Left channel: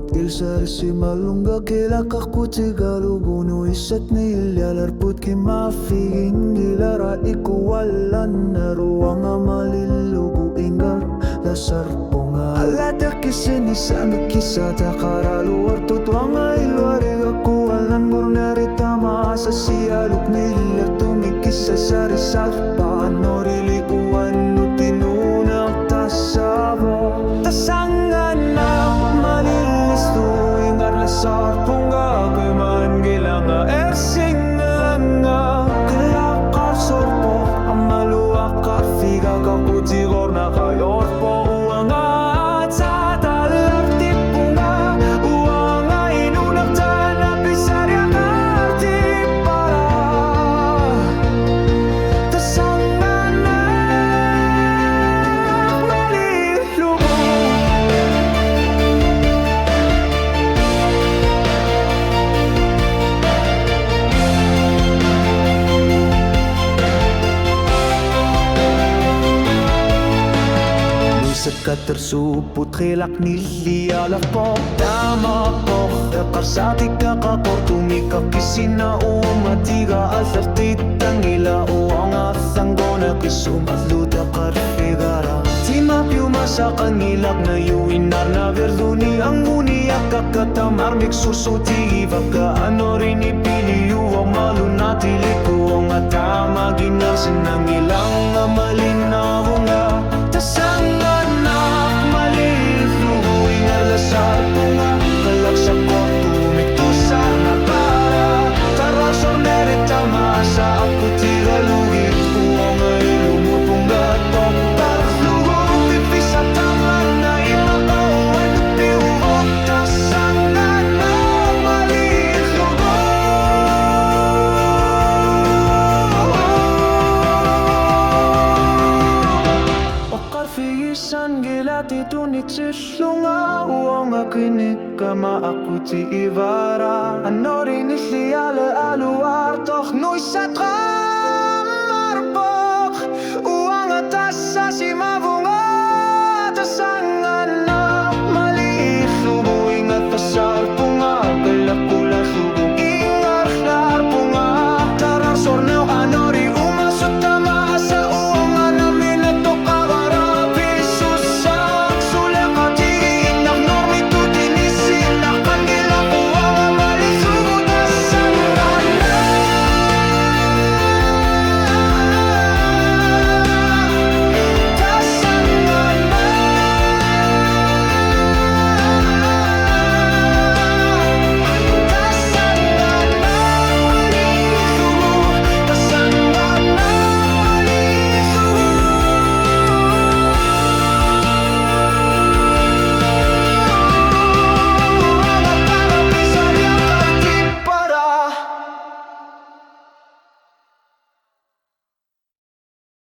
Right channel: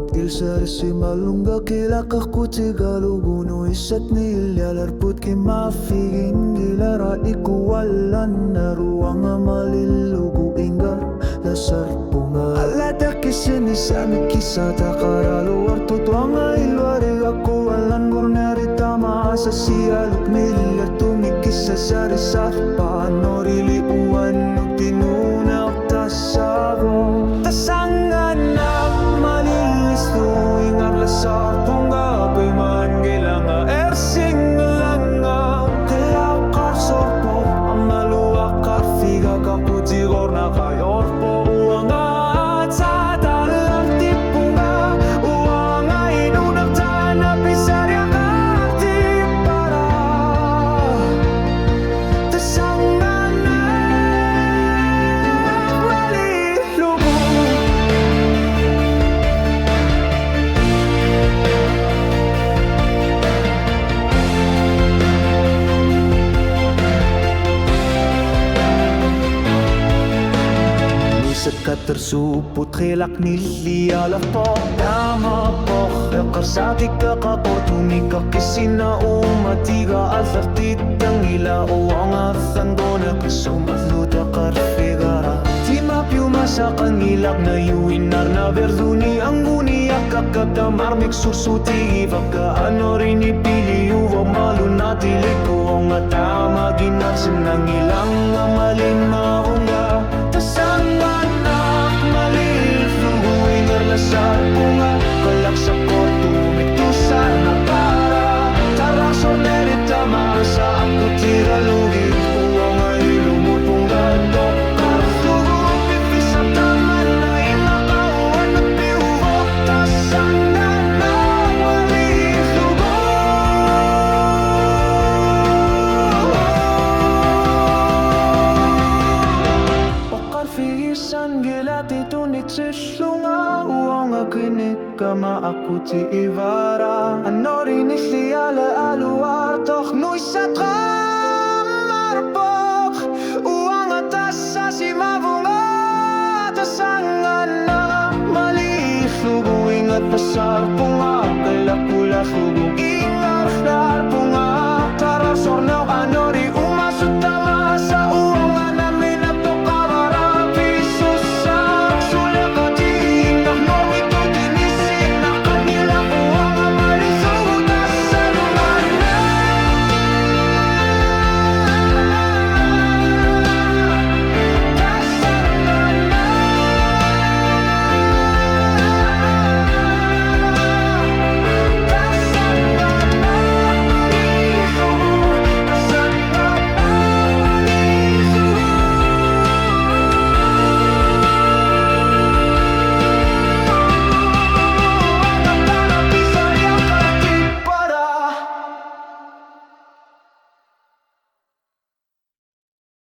mutil sarisi malunga kilakah ku tigaluguno isat nilalarput kimafiging gilara ikuwalan na ruang malilugu inggar lasar punga alata kisini sami kisah takaralu wartu tuanga ilwariga kuwalan gurnarita maasa sialuk nila tumikisa sarisar panorili uwan utinunak tasabo tasanganak malilis tuingar lasar punga kuman gilanga ersing langa kelakar sorpo amaluakar figa kakutigor na kayorpo uanga sa dalar tipunga uanga inunak tana pisarya karti para tasanganak malilugo Sekat tersuput khilak nili ala po Tama po Karsati kakakor tumika kisina umatiga Altartitang ila uang asanggona kisumat luta karfigara Tima piuma sa kangilak na yuinar na verduni Ang uniyak kakatamar miksursutigi Baka ano rin ipili uwang malunatilik Uwang atama ginarsin ng ilang amalinaw nga Tasanganak malilflugu ingar lasar punga Kalak sa kortu miktusar na para Tarar sornerita masa aku tigalugi Uang ay lumur punga tokar flugu Pipisap taman na imakauan at piubok Tasanganak malilflugu Figisan gilati tunit sislunga Uang akinik kama aku ti ivara Ano rin isliale aluar Tok nuisat marpok Uang atas sa simavunga Tasanganak maliflugu Ingat pasar punga Kalakula flugu Ingar flar punga Tarar sornaw ano rin umasot tama